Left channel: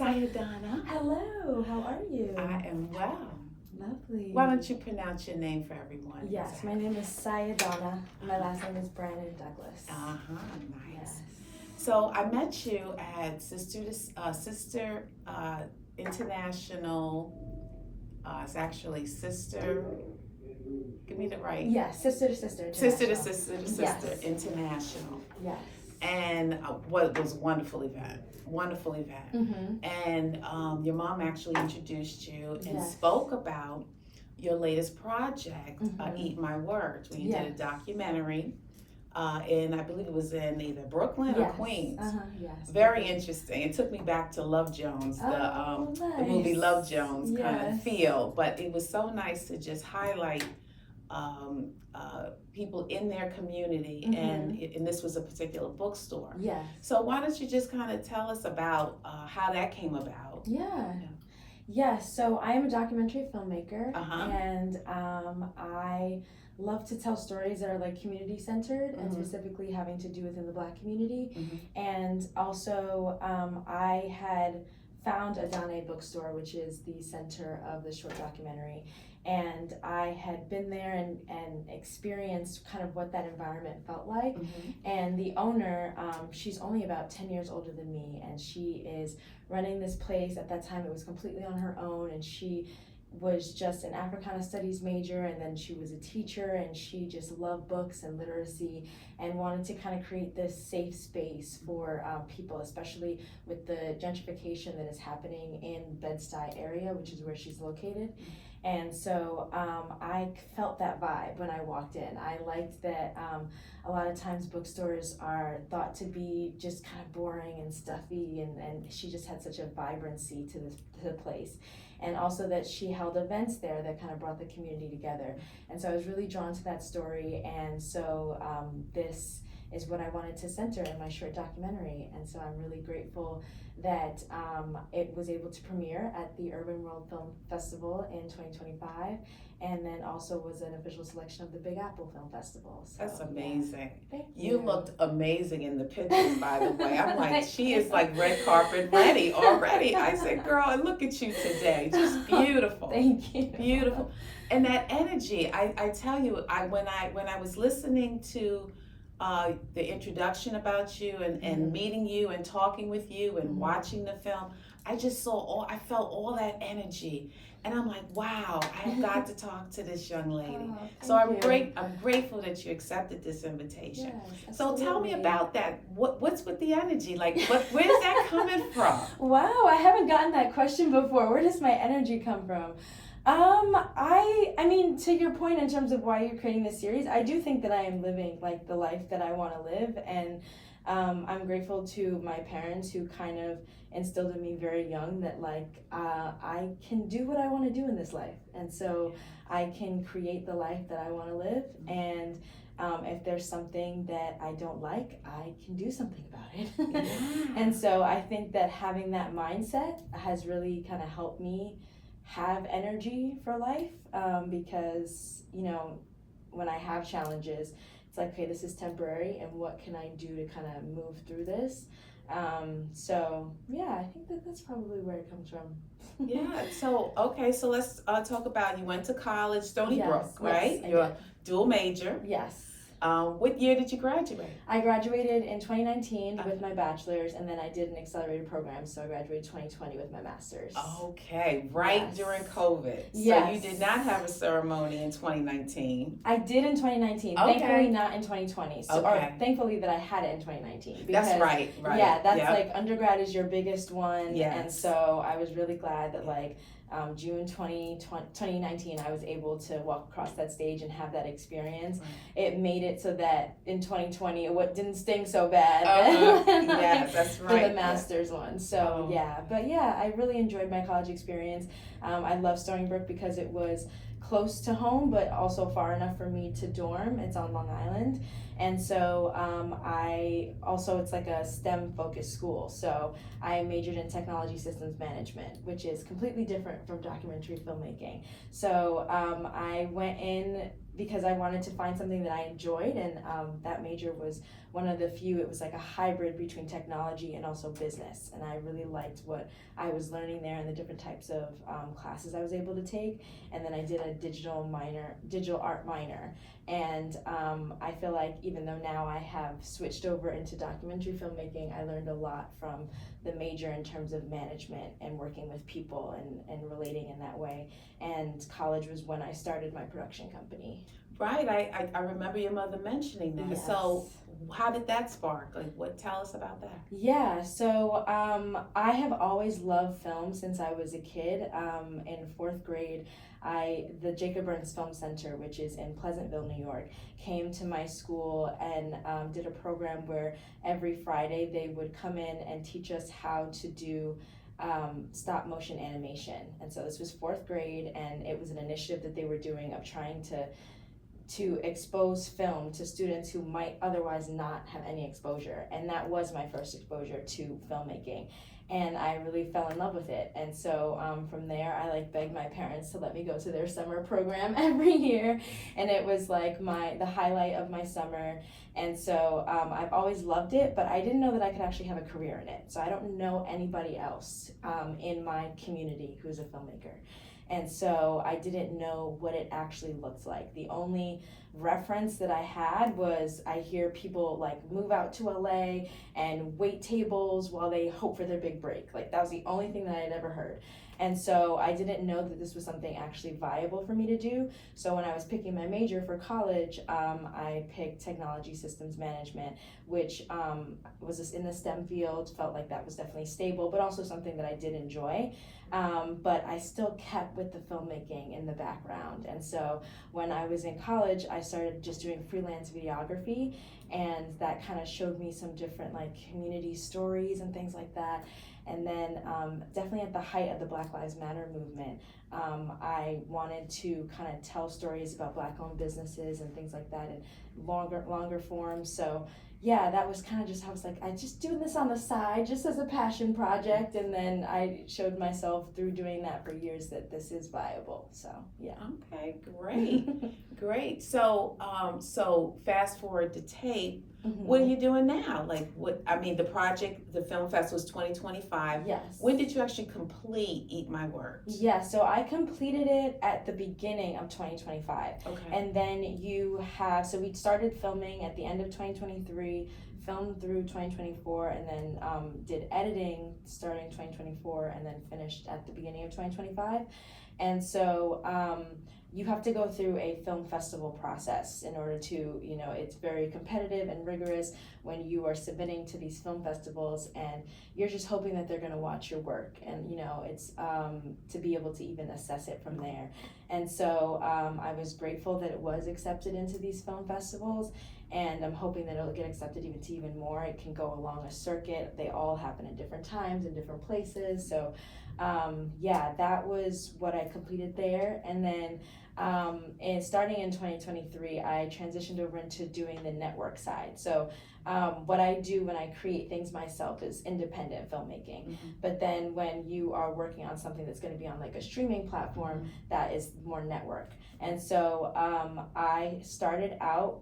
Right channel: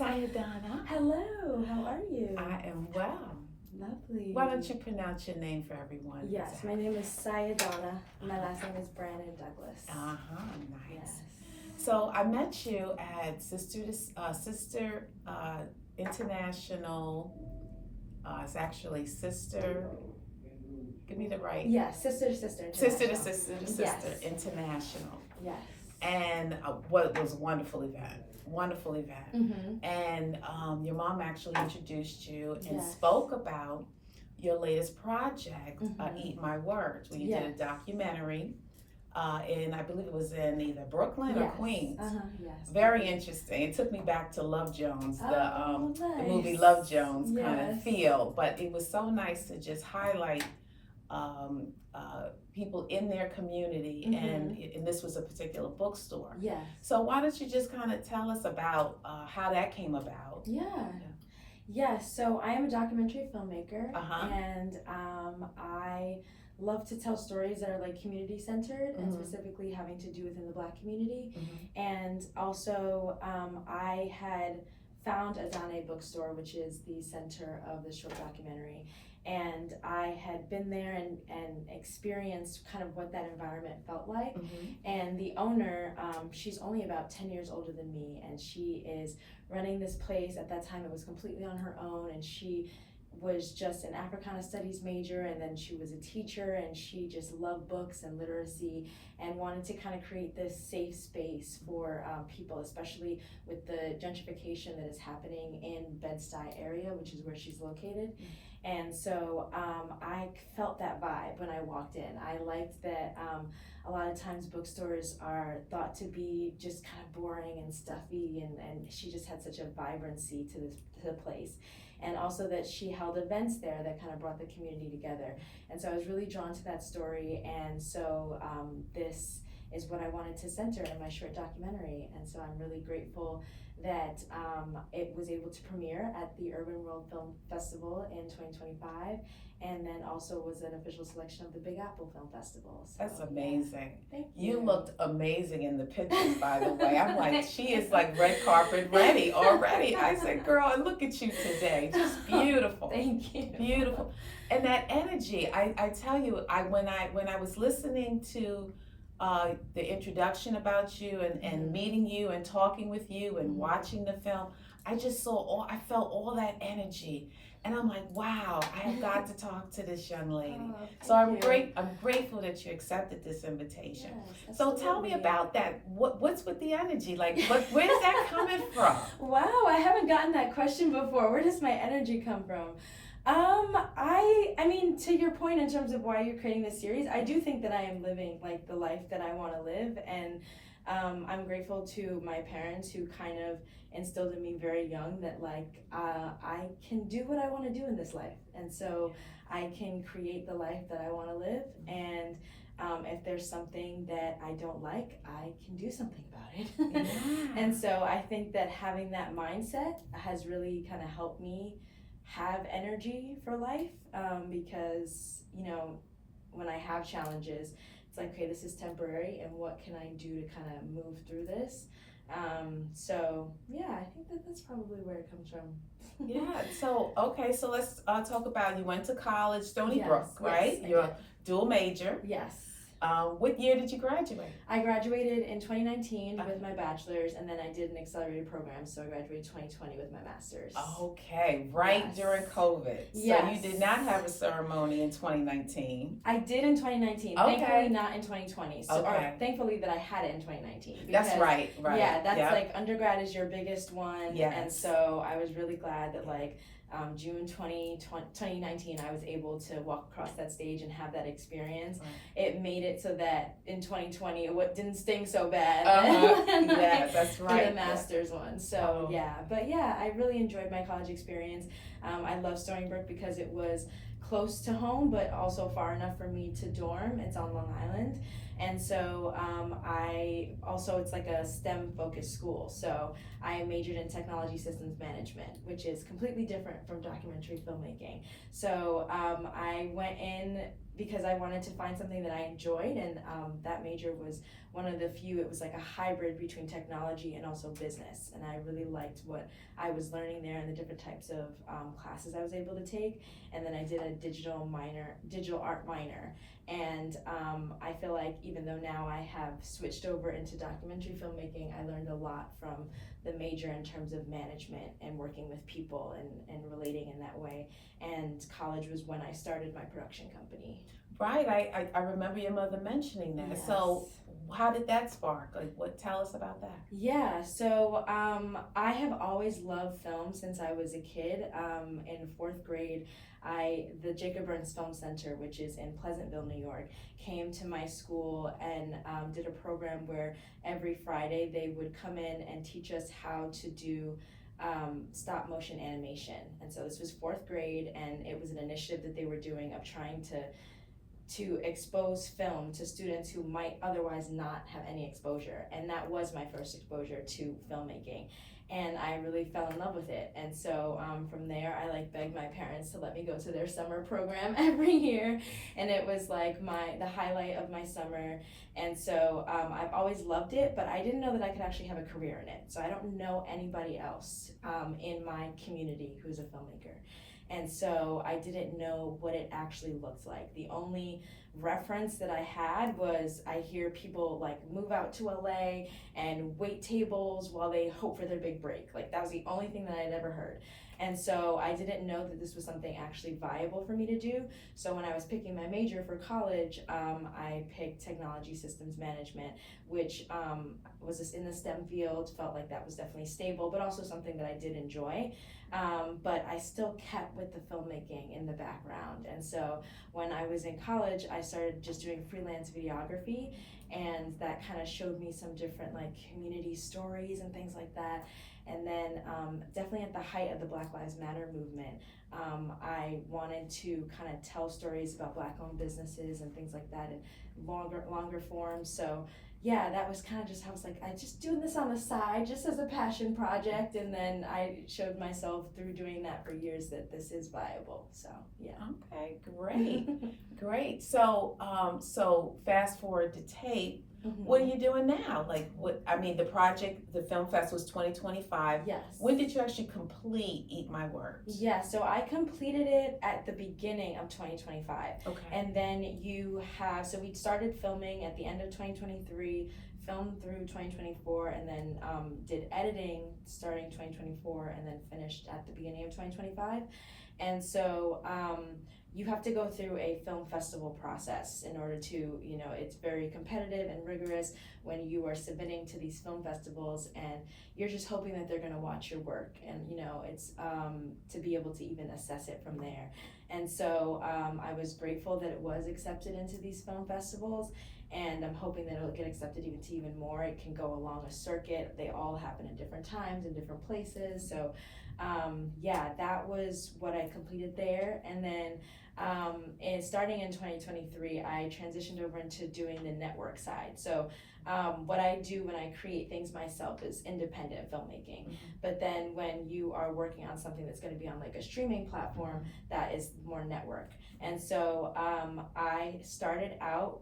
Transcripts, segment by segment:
Sayidana. Hello, how are you? I am well. Lovely. Why don't you pronounce your name for everyone? Yes, my name is Sayidana. My last name is Brannan-Douglas. Nice. Yes. So I met you at Sister International. It's actually Sister. Give me the right. Yes, Sister to Sister International. Sister International. Yes. And what was a wonderful event. Mm-hmm. And your mom actually introduced you and Yes. spoke about your latest project, Mm-hmm. Eat My Words, when you did a Yes. documentary, and I believe it was in either Brooklyn or Yes. Queens. Yes. Very interesting. It took me back to Love Jones, Oh, the movie nice. Love Jones kind of Yes. feel. But it was so nice to just highlight people in their community, Mm-hmm. and this was a particular bookstore. Yes. So why don't you just kind of tell us about how that came about? Yes, so I am a documentary filmmaker, Uh-huh. and I love to tell stories that are like community centered and specifically having to do within the Black community. And also, I had found Adane Bookstore, which is the center of the short documentary, and I had been there and experienced kind of what that environment felt like. And the owner, she's only about 10 years older than me, and she is running this place. At that time it was completely on her own, and she was just an Africana Studies major, and then she was a teacher, and she just loved books and literacy and wanted to kind of create this safe space for people, especially with the gentrification that is happening in Bed-Stuy area, which is where she's located. And so I felt that vibe when I walked in. I liked that a lot of times bookstores are thought to be just kind of boring and stuffy, and she just had such a vibrancy to the place. And also that she held events there that kind of brought the community together. And so I was really drawn to that story, and so this is what I wanted to center in my short documentary. And so I'm really grateful that it was able to premiere at the Urban World Film Festival in 2025, and then also was an official selection of the Big Apple Film Festival. So, that's amazing. Thank You you. looked amazing in the pictures, by the way. I'm like, she is like red carpet ready already. I said, girl, look at you today. Just beautiful. Thank you. Beautiful. And that energy, I tell you, when I was listening to the introduction about you and meeting you and talking with you and watching the film, I felt all that energy. And I'm like, wow, I have got to talk to this young lady. So I'm grateful that you accepted this invitation. Yes, so tell me about that. What's with the energy? Like, where is that coming from? Wow, I haven't gotten that question before. Where does my energy come from? I mean, to your point in terms of why you're creating this series, I do think that I am living like the life that I want to live, and I'm grateful to my parents who kind of instilled in me very young that like I can do what I want to do in this life, and so I can create the life that I want to live, and if there's something that I don't like, I can do something about it. And so I think that having that mindset has really kind of helped me have energy for life, because when I have challenges, it's like, okay, this is temporary, and what can I do to kind of move through this? So yeah, I think that's probably where it comes from. Yeah. So okay. So let's talk about, you went to college, Stony Brook, right? Yes, You're a dual major. Yes. What year did you graduate? I graduated in 2019 with my bachelor's, and then I did an accelerated program, so I graduated 2020 with my master's. Okay, right. Yes. During COVID. Yes. So you did not have a ceremony in 2019. I did in 2019. Okay. Thankfully not in 2020. So, okay. Or thankfully that I had it in 2019. Because, that's right. Yeah, that's like undergrad is your biggest one. Yes. And so I was really glad that June 2019, I was able to walk across that stage and have that experience. Right. It made it so that in 2020, it didn't sting so bad. Yes, that's right. For the master's one. So but I really enjoyed my college experience. I love Stony Brook because it was close to home, but also far enough for me to dorm. It's on Long Island. And so it's like a STEM focused school. So I majored in technology systems management, which is completely different from documentary filmmaking. So I went in because I wanted to find something that I enjoyed, and that major was one of the few, it was like a hybrid between technology and also business. And I really liked what I was learning there and the different types of classes I was able to take. And then I did a digital art minor. And I feel like even though now I have switched over into documentary filmmaking, I learned a lot from the major in terms of management and working with people and relating in that way. And college was when I started my production company. Right, I remember your mother mentioning that. Yes. So how did that spark? Like, tell us about that. Yeah, so I have always loved film since I was a kid. In fourth grade, the Jacob Burns Film Center, which is in Pleasantville, New York, came to my school and did a program where every Friday they would come in and teach us how to do stop motion animation. And so this was fourth grade, and it was an initiative that they were doing of trying to expose film to students who might otherwise not have any exposure. And that was my first exposure to filmmaking. And I really fell in love with it. And so from there, I begged my parents to let me go to their summer program every year. And it was like the highlight of my summer. And so I've always loved it, but I didn't know that I could actually have a career in it. So I don't know anybody else in my community who's a filmmaker. And so I didn't know what it actually looked like. The only reference that I had was I hear people move out to LA and wait tables while they hope for their big break. That was the only thing that I had ever heard. And so I didn't know that this was something actually viable for me to do. So when I was picking my major for college, I picked technology systems management, which was just in the STEM field, felt like that was definitely stable, but also something that I did enjoy. But I still kept with the filmmaking in the background. And so when I was in college, I started just doing freelance videography, and that kind of showed me some different community stories and things like that. And then definitely at the height of the Black Lives Matter movement, I wanted to kind of tell stories about Black-owned businesses and things like that in longer form. So yeah, that was kind of just, I was I just doing this on the side, just as a passion project. And then I showed myself through doing that for years that this is viable. So yeah. Okay, great, great. So so fast forward to tape. Mm-hmm. What are you doing now? The project, the film fest was 2025. Yes. When did you actually complete Eat My Words? Yeah, so I completed it at the beginning of 2025. Okay. And then so we started filming at the end of 2023, filmed through 2024, and then did editing starting 2024, and then finished at the beginning of 2025. And so you have to go through a film festival process in order to, it's very competitive and rigorous when you are submitting to these film festivals, and you're just hoping that they're going to watch your work, and it's to be able to even assess it from there. And so I was grateful that it was accepted into these film festivals, and I'm hoping that it'll get accepted even more. It can go along a circuit. They all happen at different times in different places. So that was what I completed there. And then starting in 2023, I transitioned over into doing the network side. So what I do when I create things myself is independent filmmaking. Mm-hmm. But then when you are working on something that's going to be on a streaming platform, that is more network. And so I started out,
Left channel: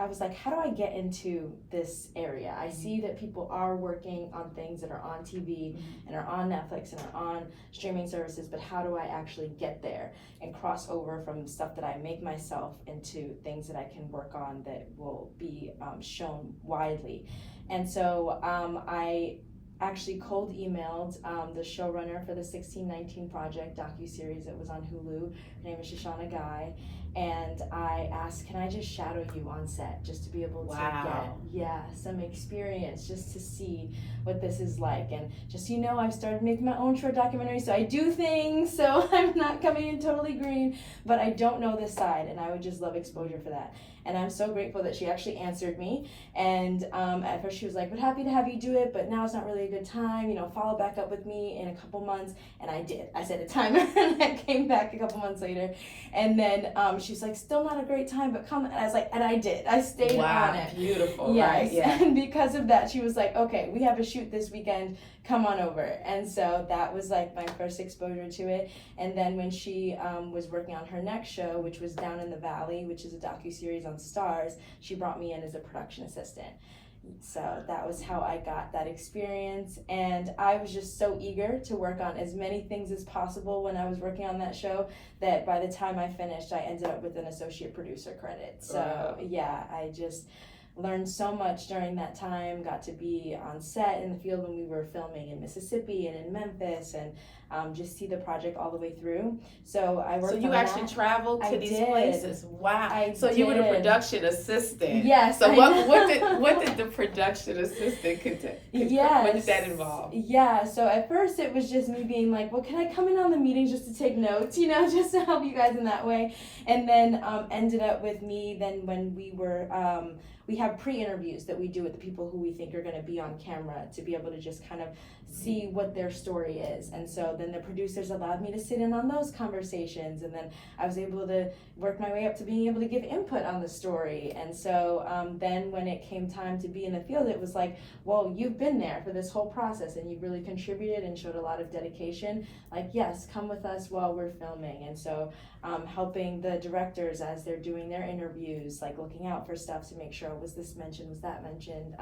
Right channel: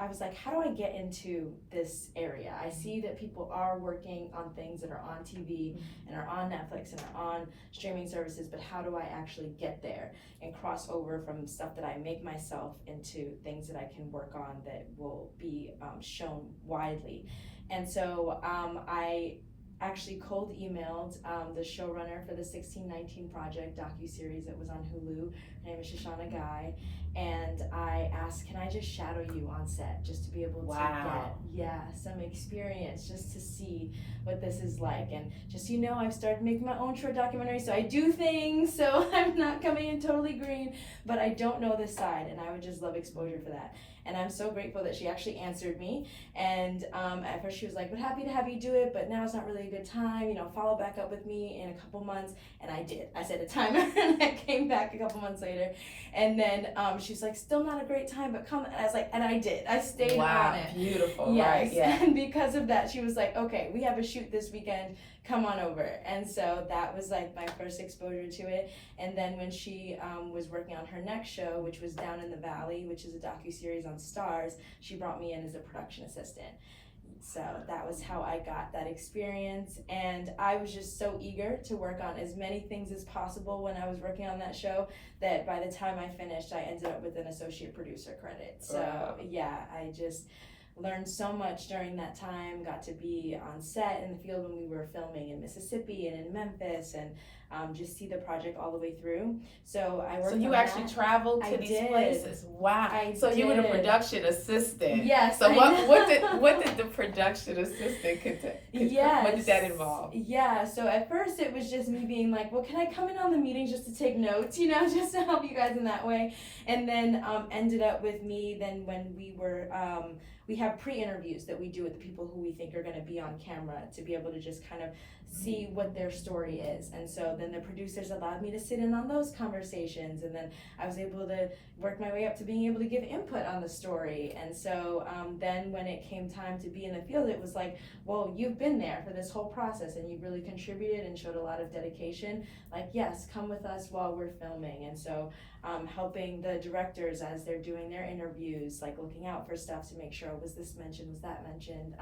I was like, how do I get into this area? I see that people are working on things that are on TV and are on Netflix and are on streaming services, but how do I actually get there and cross over from stuff that I make myself into things that I can work on that will be shown widely? And so I actually cold emailed the showrunner for the 1619 Project docuseries that was on Hulu. Her name is Shoshana Guy. And I asked, can I just shadow you on set just to be able to get some experience, just to see what this is like. And just so you know, I've started making my own short documentary, so I do things, so I'm not coming in totally green, but I don't know this side, and I would just love exposure for that. And I'm so grateful that she actually answered me. And at first she was like, we're happy to have you do it, but now it's not really a good time, follow back up with me in a couple months. And I did. I set a timer and I came back a couple months later. And then she was like, still not a great time, but come. And I was like, and I did. I stayed on it. Beautiful. Yes. Right? Yeah. And because of that, she was like, okay, we have a shoot this weekend. Come on over. And so that was my first exposure to it. And then when she was working on her next show, which was Down in the Valley, which is a docuseries on Stars, she brought me in as a production assistant. So that was how I got that experience, and I was just so eager to work on as many things as possible when I was working on that show that by the time I finished, I ended up with an associate producer credit. So Wow. yeah, I just learned so much during that time, got to be on set in the field when we were filming in Mississippi and in Memphis, and just see the project all the way through. So I worked So you on actually that. traveled to I these did. places. Wow. I So you were the did. production assistant. Yes. So I what know. did the production assistant contain? Yes. What did that involve? Yeah, so at first it was just me being like, well, can I come in on the meetings just to take notes, you know, just to help you guys in that way. And then ended up with me then when we were, we have pre-interviews that we do with the people who we think are going to be on camera to be able to just kind of see what their story is. And so then the producers allowed me to sit in on those conversations, and then I was able to work my way up to being able to give input on the story. And so then when it came time to be in the field, it was like, well, you've been there for this whole process and you've really contributed and showed a lot of dedication. Like, yes, come with us while we're filming. And so helping the directors as they're doing their interviews, like looking out for stuff to make sure, was this mentioned, was that mentioned?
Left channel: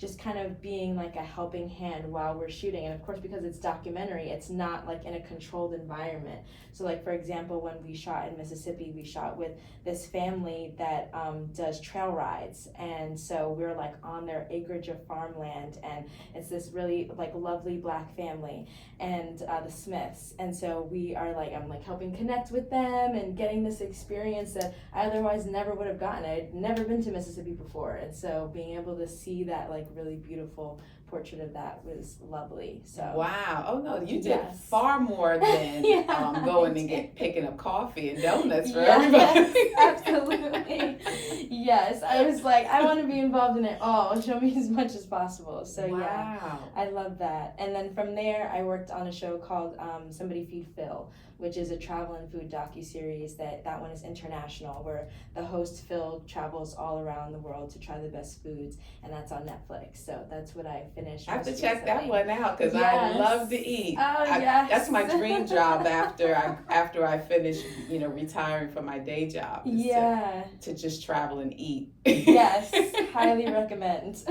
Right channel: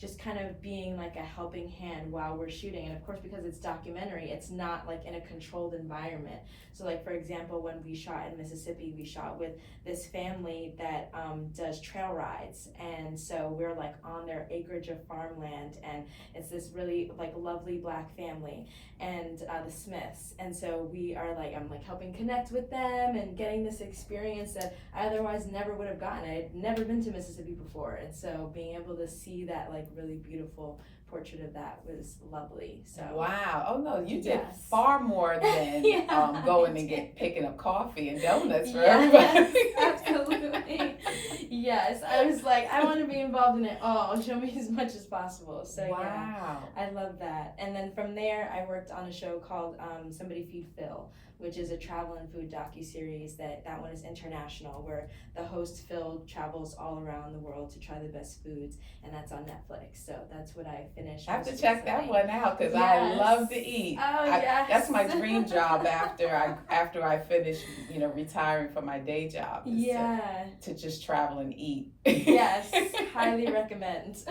Just kind of being like a helping hand while we're shooting. And of course, because it's documentary, it's not like in a controlled environment. So like, for example, when we shot in Mississippi, we shot with this family that does trail rides. And so we're like on their acreage of farmland, and it's this really like lovely Black family, and the Smiths. And so we are like, I'm like helping connect with them and getting this experience that I otherwise never would have gotten. I had never been to Mississippi before. And so being able to see that like really beautiful portrait of that was lovely. So Wow. Oh no, you did Yes. far more than Yeah, going I and did. picking up coffee and donuts for Yes, everybody. absolutely. Yes, I was like, I want to be involved in it all. Show me as much as possible. So yeah, Wow. I love that. And then from there, I worked on a show called Somebody Feed Phil, which is a travel and food docuseries that one is international, where the host Phil travels all around the world to try the best foods, and that's on Netflix. So that's what I finished. I have to most check that recently. one out because I Yes. love to eat. Oh, yes. That's my dream job after I finish, retiring from my day job. Is Yeah. to just travel and eat. Yes, highly recommend.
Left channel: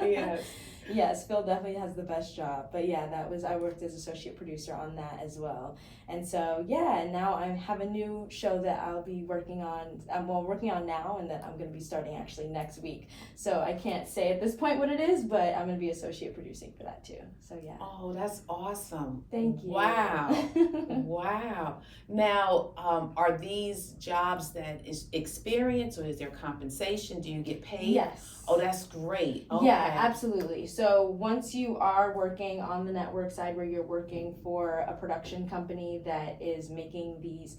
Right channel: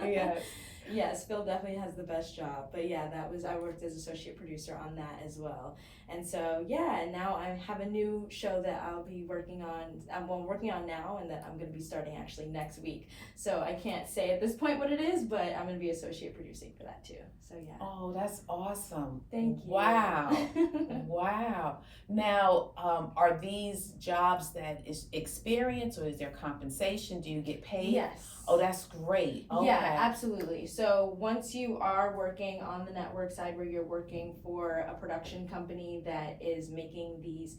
Yes. Yes, Phil definitely has the best job. But yeah, I worked as associate producer on that as well. And so yeah, and now I have a new show that I'll be working on. Working on now, and that I'm going to be starting actually next week. So I can't say at this point what it is, but I'm going to be associate producing for that too. So yeah. Oh, that's awesome. Thank you. Wow. Wow. Now, are these jobs that is experience, or is there compensation? Do you get paid? Yes. Oh, that's great. Okay. Yeah, absolutely. So once you are working on the network side, where you're working for a production company that is making these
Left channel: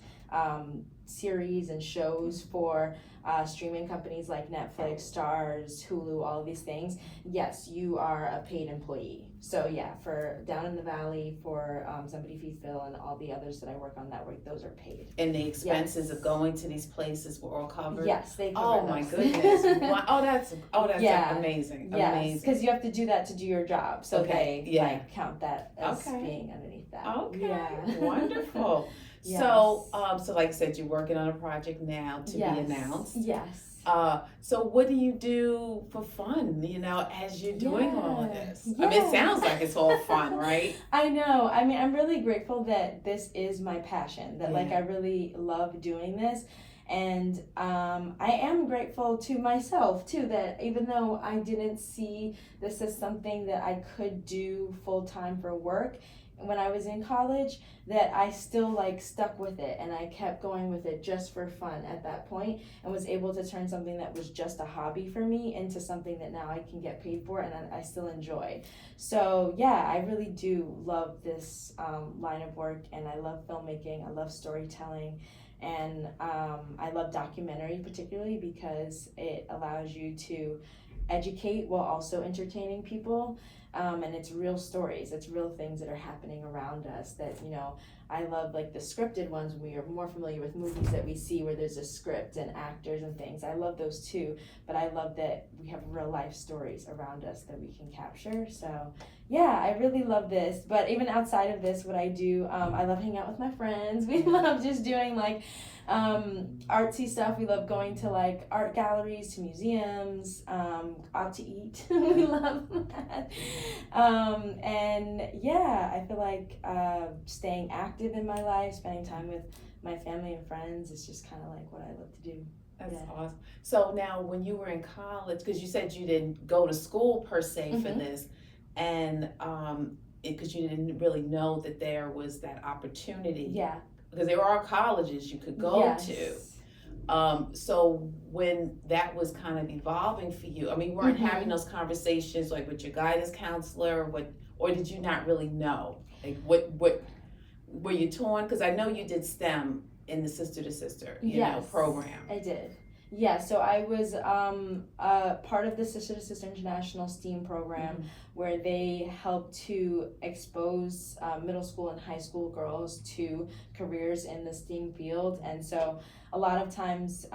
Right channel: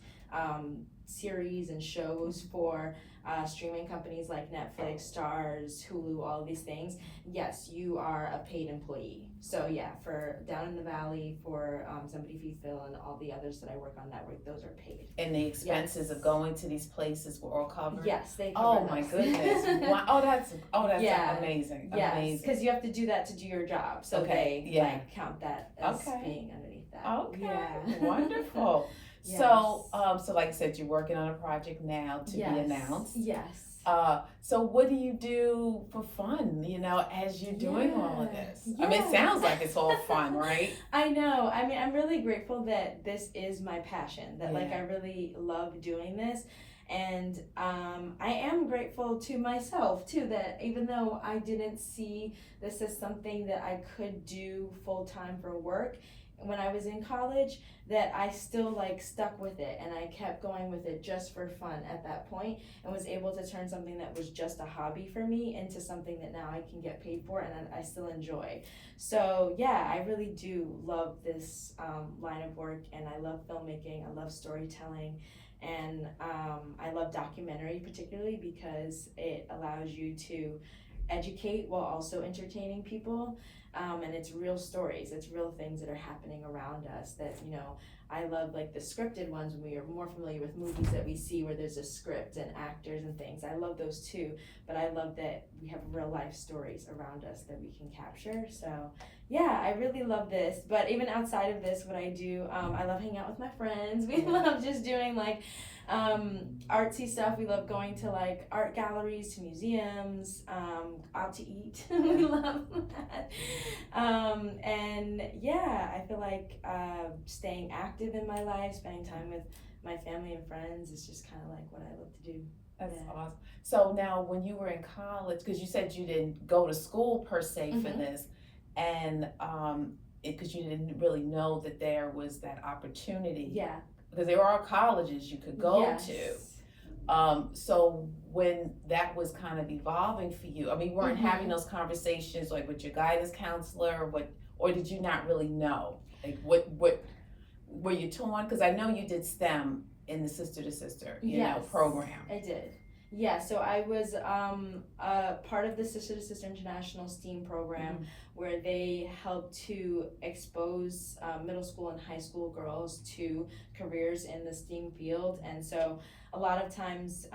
series and shows for streaming companies like Netflix, Stars, Hulu, all of these things, yes, you are a paid employee. So yeah, for Down in the Valley, for Somebody Feed Phil, and all the others that I work on network, those are paid. And the expenses Yes. of going to these places were all covered? Yes, they cover Oh my those. goodness. Wow. Oh, that's Yeah. amazing. Yes, Amazing. because you have to do that to do your job, so Okay, they yeah. like count that as Okay. being underneath that. Okay. Yeah. Wonderful. Yes. So like I said, you're working on a project now to Yes. be announced. Yes. So what do you do for fun, as you're doing all of this? I mean, it sounds like it's all fun, right? I know. I mean, I'm really grateful that this is my passion, that like Yeah. I really love doing this. And I am grateful to myself too, that even though I didn't see this as something that I could do full time for work when I was in college, that I still like stuck with it, and I kept going with it just for fun at that point, and was able to turn something that was just a hobby for me into something that now I can get paid for and I still enjoy. So yeah, I really do love this line of work, and I love filmmaking, I love storytelling. And I love documentary particularly because it allows you to educate while also entertaining people. And it's real stories, it's real things that are happening around us that, I love like the scripted ones when we are more familiar with movies that we see where there's a script and actors and things. I love those too, but I love that we have real life stories around us that we can capture. So yeah, I really love this. But even outside of this, what I do, I love hanging out with my friends. We love just doing like artsy stuff. We love going to like art galleries, to museums, out to eat. We love that. And yeah, I feel like staying active in my life, spending time with my family and friends is just kind of like what I love to do. That's awesome. So now when you were in college, because you said you didn't go to school per se for this, and because you didn't really know that there was that opportunity. Yeah. Because there are colleges you could go to. So when that was kind of evolving for you, I mean, you weren't having those conversations like with your guidance counselor, or did you not really know? Like what were you torn? Because I know you did STEM in the Sister to Sister, you know, program. I did. Yeah, so I was part of the Sister to Sister International STEAM program where they help to expose middle school and high school girls to careers in the STEAM field. And so a lot of times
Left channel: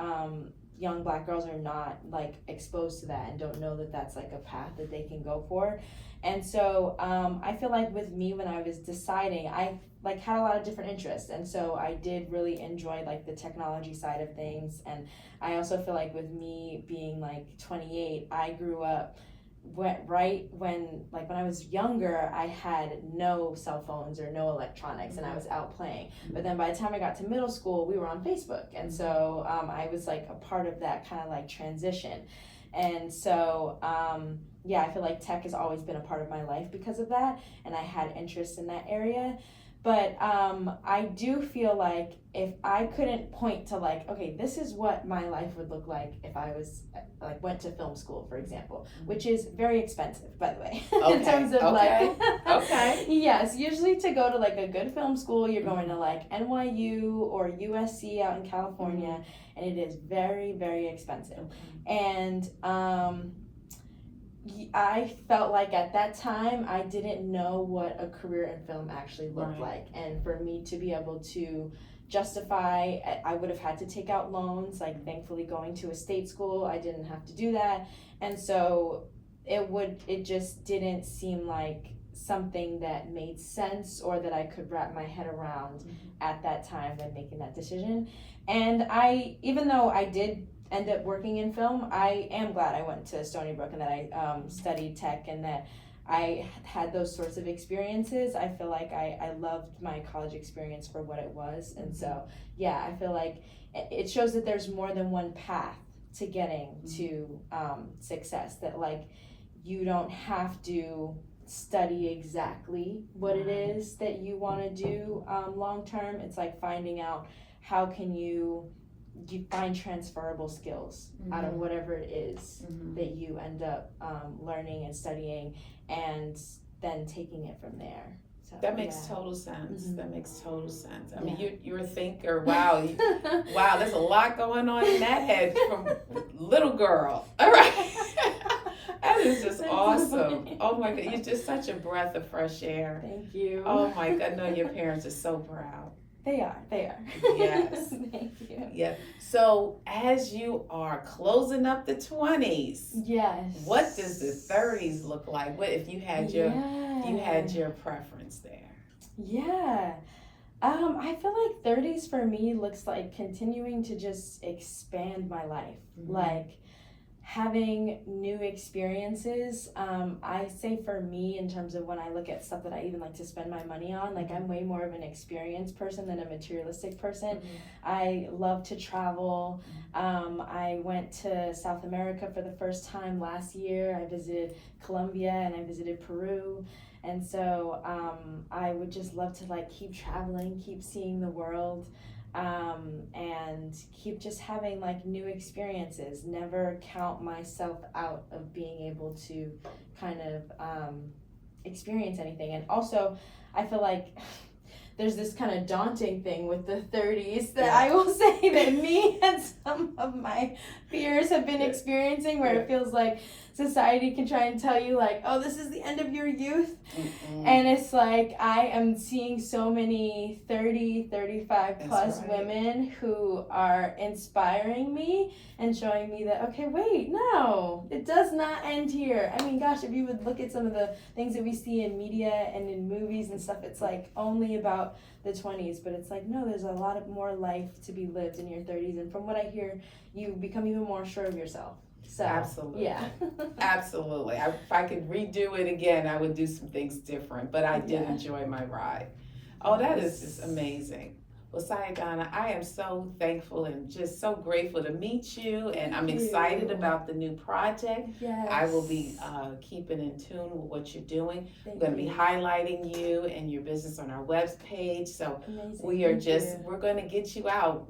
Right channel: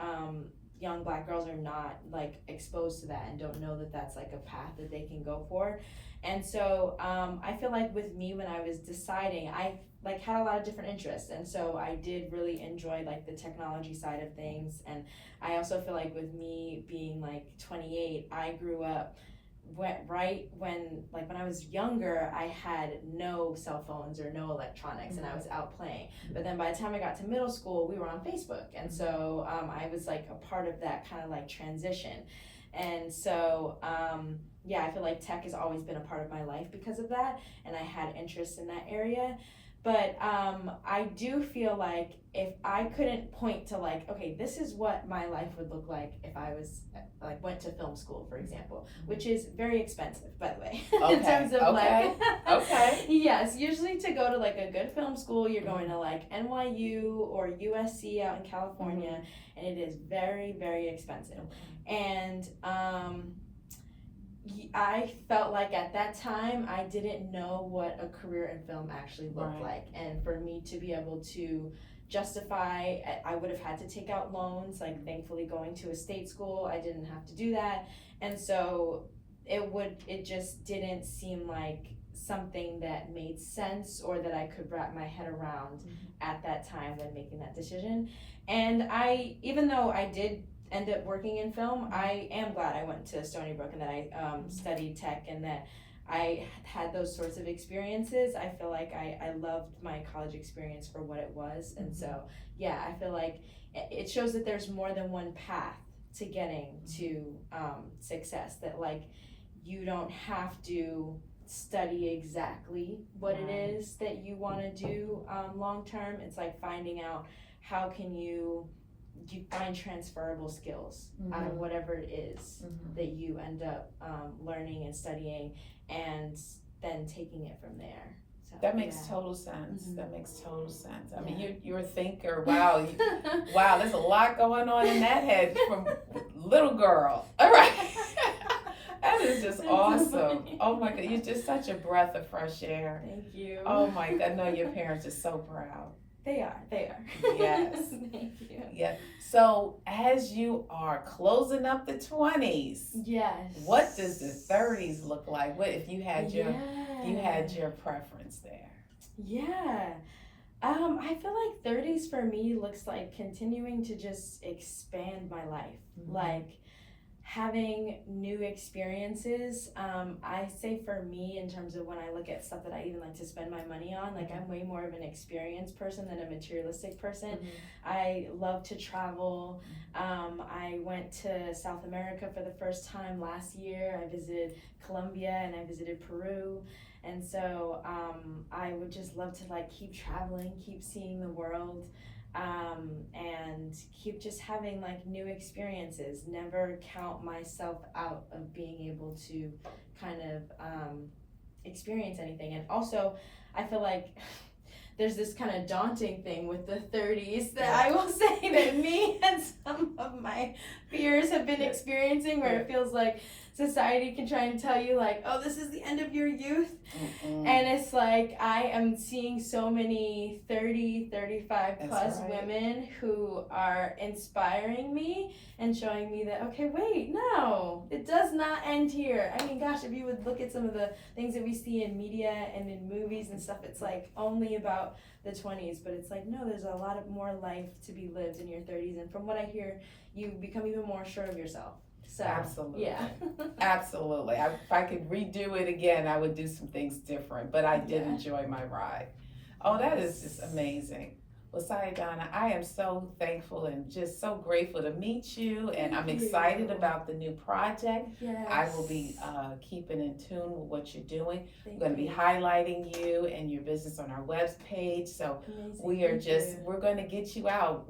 young Black girls are not like exposed to that and don't know that that's like a path that they can go for. And so I feel like with me, when I was deciding, I like had a lot of different interests, and so I did really enjoy like the technology side of things. And I also feel like with me being like 28, I grew up right when I was younger, I had no cell phones or no electronics, and I was out playing. But then by the time I got to middle school, we were on Facebook, and so I was like a part of that kind of like transition. And so yeah, I feel like tech has always been a part of my life because of that, and I had interest in that area. But I do feel like if I couldn't point to like, okay, this is what my life would look like if I was like went to film school, for example, which is very expensive, by the way, in terms of like, yes, usually to go to like a good film school, you're going to like NYU or USC out in California, and it is very, very expensive. And I felt like at that time I didn't know what a career in film actually looked like, and for me to be able to justify, I would have had to take out loans. Like, thankfully, going to a state school, I didn't have to do that, and so it just didn't seem like something that made sense or that I could wrap my head around at that time when making that decision. And even though I did end up working in film, I am glad I went to Stony Brook and that I studied tech and that I had those sorts of experiences. I feel like I loved my college experience for what it was. And so, yeah, I feel like it shows that there's more than one path to getting to success, that like you don't have to study exactly what it is that you want to do long term. It's like finding out how can you find transferable skills out of whatever it is that you end up learning and studying, and then taking it from there. So, that makes total sense. That makes total sense. I mean, you're a thinker. Wow, wow, there's a lot going on in that head from little girl. All right. That is just awesome. Oh my God, you're just such a breath of fresh air. Thank you. Oh my God, I know your parents are so proud. They are. Yes. Thank you. Yeah. So as you are closing up the 20s, what does the 30s look like? What if you had your preference there? Yeah. I feel like 30s for me looks like continuing to just expand my life. Like having new experiences. I say for me, in terms of when I look at stuff that I even like to spend my money on, like I'm way more of an experienced person than a materialistic person. I love to travel. I went to South America for the first time last year. I visited Colombia and I visited Peru. And so I would just love to like keep traveling, keep seeing the world. And keep just having like new experiences, never count myself out of being able to kind of experience anything. And also I feel like there's this kind of daunting thing with the 30s that I will say that me and some of my peers have been experiencing, where it feels like society can try and tell you like, oh, this is the end of your youth. Mm-mm. And it's like I am seeing so many 30, 35 plus women who are inspiring me and showing me that, okay, wait, no, it does not end here. I mean, gosh, if you would look at some of the things that we see in media and in movies and stuff, it's like only about the 20s, but it's like, no, there's a lot of more life to be lived in your 30s. And from what I hear, you become even more sure of yourself. So, absolutely. Yeah. Absolutely. If I could redo it again, I would do some things different, but I did enjoy my ride. Oh, that is just amazing. Well, Sayidana, I am so thankful and just so grateful to meet you, and I'm excited about the new project. Yes. I will be keeping in tune with what you're doing. Thank I'm going to be you. highlighting you and your business on our web page. So Amazing. we are Thank we're going to get you out.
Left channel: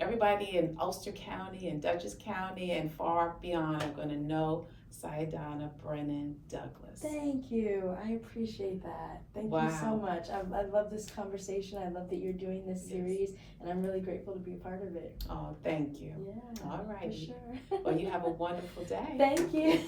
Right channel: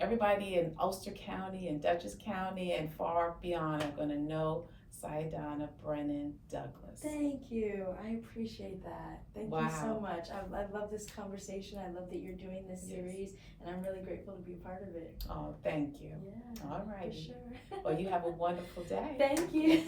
Everybody in Ulster County and Dutchess County and far beyond are going to know Sayidana Brannan-Douglas. Thank you. I appreciate that. Thank you so much. I love this conversation. I love that you're doing this series, and I'm really grateful to be a part of it. Oh, thank you. Yeah. All right. For sure. Well, you have a wonderful day. Thank you.